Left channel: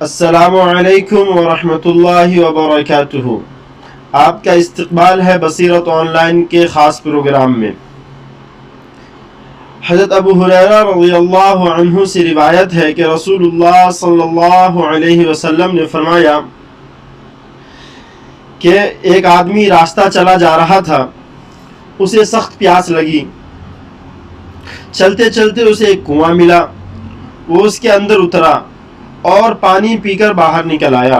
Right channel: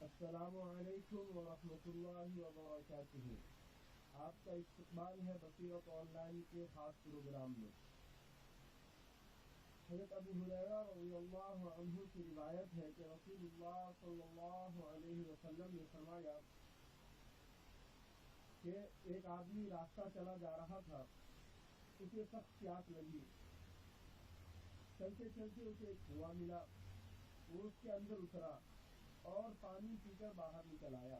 السلام علیکم ورحمۃ اللہ وبرکاتہ۔ آپ کا استقبال ہے بصیرت آن لائن کے خاص پروگرام میں۔ حضرت ابو ہریرہ رضی اللہ عنہ سے روایت ہے کہ رسول اللہ صلی اللہ علیہ وسلم نے فرمایا کہ ایک آدمی راستہ چلا جا رہا تھا، اسے سخت پیاس لگی۔ چلتے چلتے اسے ایک کنواں ملا، وہ اس کے اندر اترا اور پانی پی کر باہر نکل آیا۔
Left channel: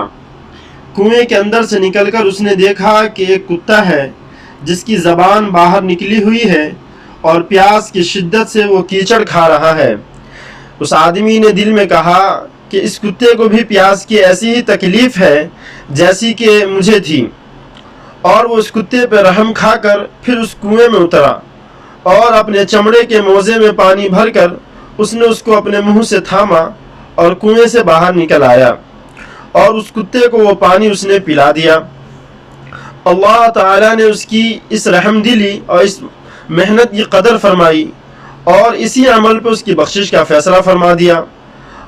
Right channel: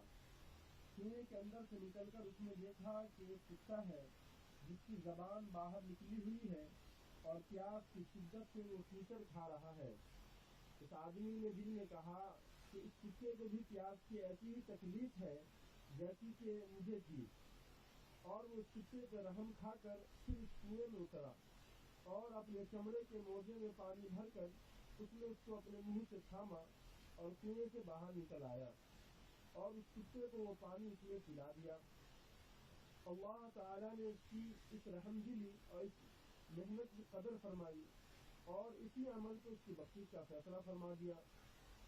کنویں کے اندر سے نکل کر اس نے دیکھا کہ ایک کتا ہے جس کی زبان باہر نکلی ہوئی ہے اور پیاس کی شدت سے وہ کیچڑ کھا رہا ہے۔ اس آدمی نے دل میں کہا کہ اس کتے کو بھی پیاس کی ایسی ہی تکلیف ہے جیسی کہ مجھے تھی، اور وہ اس کتے پہ رحم کھا کر پھر اس کنویں میں اترا اور اپنے چمڑے کے موزے میں پانی بھر کر اس نے اس کو اپنے منہ سے تھاما اور کنویں سے باہر نکل آیا، اور اس کتے کو وہ پانی اس نے پلا دیا۔ اللہ تعالیٰ نے اس کی اس رحم دلی اور اس محنت کی قدر فرمائی اور اسی عمل پہ اس کی بخشش کا فیصلہ فرما دیا۔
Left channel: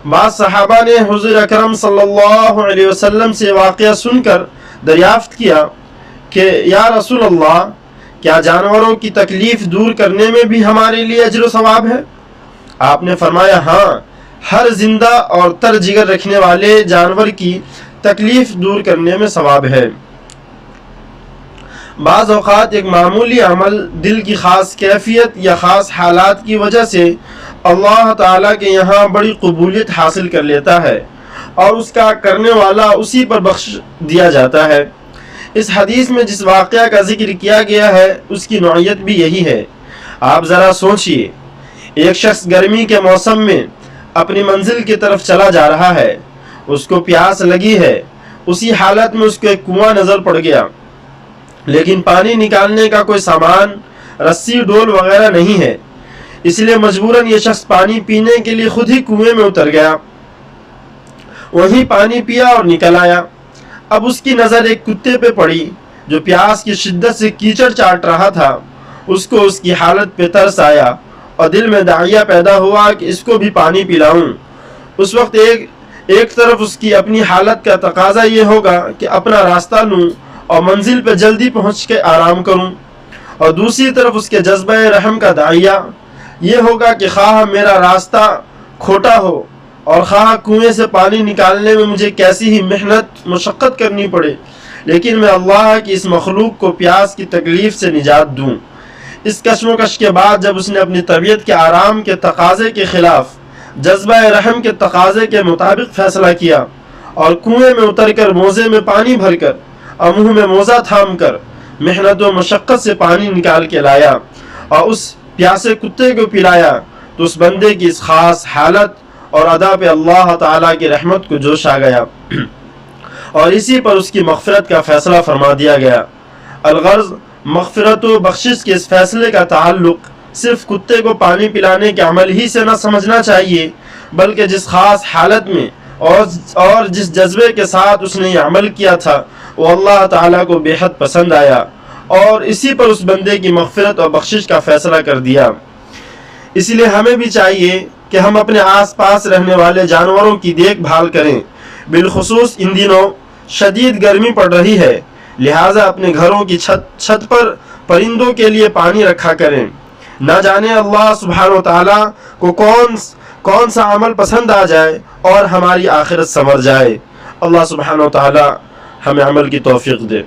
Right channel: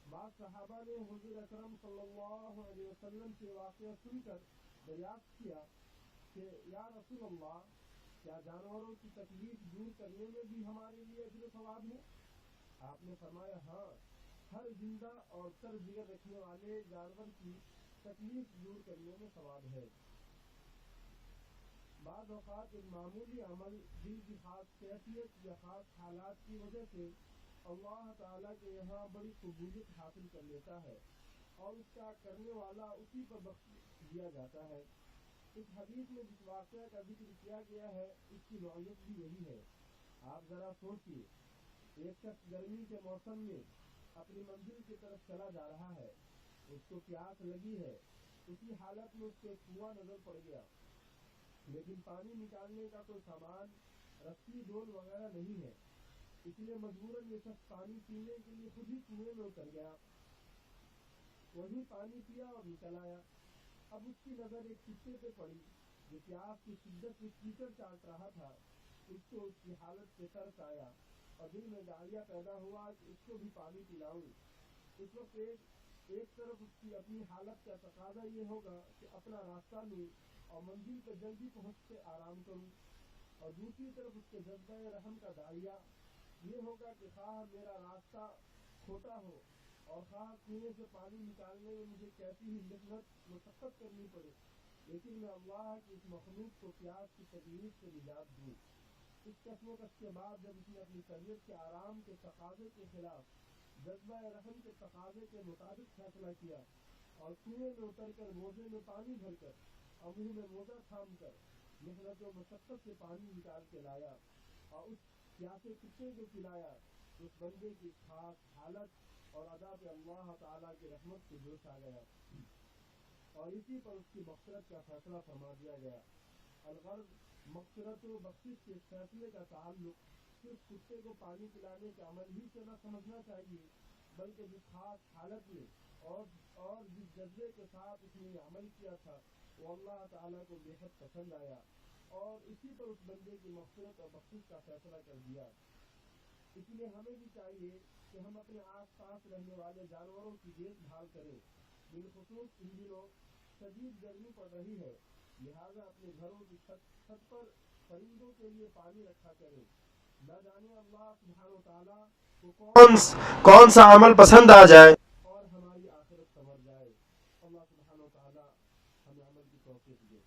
بعض صحابہ نے حضور اکرم صلی اللہ علیہ وسلم سے واقعہ سن کر دریافت کیا کہ یا رسول اللہ، کیا جانوروں کی تکلیف دور کرنے میں بھی ہمارے لیے اجر و ثواب ہے؟ آپ نے فرمایا ہاں، ہر زندہ اور تر جگر رکھنے والے جانور کی تکلیف دور کرنے میں ثواب ہے۔ بعض اوقات ایک معمولی عمل دل کی خاص کیفیت یا خاص حالات کی وجہ سے اللہ تعالیٰ کے یہاں بڑی قبولیت حاصل کر لیتا ہے اور اس کا کرنے والا اسی پر بخش دیا جاتا ہے۔ اس حدیث میں جس واقعہ کا ذکر کیا گیا ہے اس کی نوعیت بھی یہی ہے۔ آپ ذرا سوچئے، ایک شخص گرمی کے موسم میں اپنی منزل کی طرف چلا جا رہا ہے، اس کو پیاس لگی ہے، اسی حالت میں اس کو ایک کنواں نظر پڑ گیا، لیکن پانی نکالنے کا کوئی سامان، رسی ڈول وغیرہ نہیں ہے، اس لیے مجبوراً یہ شخص پانی پینے کے لیے خود ہی کنویں میں اتر گیا، وہیں پانی پیا اور نکل آیا۔ اب اس کی نظر ایک کتے پہ پڑی جو پیاس کی شدت سے کیچڑ چاٹ رہا تھا۔ اس کو اس کی حالت پہ ترس آیا اور دل میں داعیہ پیدا ہوا کہ اس کو بھی پانی پلاؤں۔ اس وقت ایک طرف اس کی اپنی حالت کا تقاضا یہ ہوگا کہ اپنا راستہ لوں اور منزل پہ جلدی پہنچ کے آرام کروں، اور دوسری طرف اس کے جذبہ رحم کا داعیہ یہ ہوگا کہ خواہ میرا راستہ کھوٹا ہو اور خواہ کنویں سے پانی نکالنے میں مجھے کیسی ہی محنت مشقت کرنی پڑے، لیکن میں اللہ کی اس مخلوق کو پیاس کی تکلیف سے نجات دوں۔ اس کشمکش کے بعد جب اس نے اپنی طبیعت کے آرام کے تقاضے کے خلاف جذبہ رحم کے تقاضے کے مطابق فیصلہ کیا اور کنویں میں اتر کر موزے میں پانی بھر کر اور منہ میں موزہ تھام کر محنت و مشقت سے پانی نکال کے لایا اور اس پیاسے کتے کو پلایا، تو اس بندے کی اس خاص حالت اور ادا پہ اللہ تعالیٰ کی رحمت کو جوش آ گیا اور اسی پر اس کی مغفرت کا فیصلہ فرما دیا گیا۔ الغرض، مغفرت و بخشش کے اس فیصلے کا تعلق صرف کتے کو پانی پلانے کے عمل ہی سے نہ سمجھنا چاہیے، بلکہ جس خاص حالت میں اور جس جذبے کے ساتھ اس نے یہ عمل کیا تھا وہ اللہ تعالیٰ کو بے حد پسند آیا اور اسی پر اس بندے کی مغفرت اور بخشش کا فیصلہ کر دیا۔ اس لیے ہمیں بھی چاہیے کہ ہم اپنے آس پاس رہنے والے جانوروں کی دیکھ بھال کریں، بالخصوص ان دنوں شدید گرمی پڑ رہی ہے، لہٰذا اپنے گھروں کی چھت پر پرندوں کے لیے پانی رکھا کریں۔ نہ جانے اللہ سبحانہ و تعالیٰ کو کون سا عمل پسند آ جائے اور ہماری آخرت سنور جائے۔ اللہ سبحانہ و تعالیٰ ہمیں عمل کی توفیق دے۔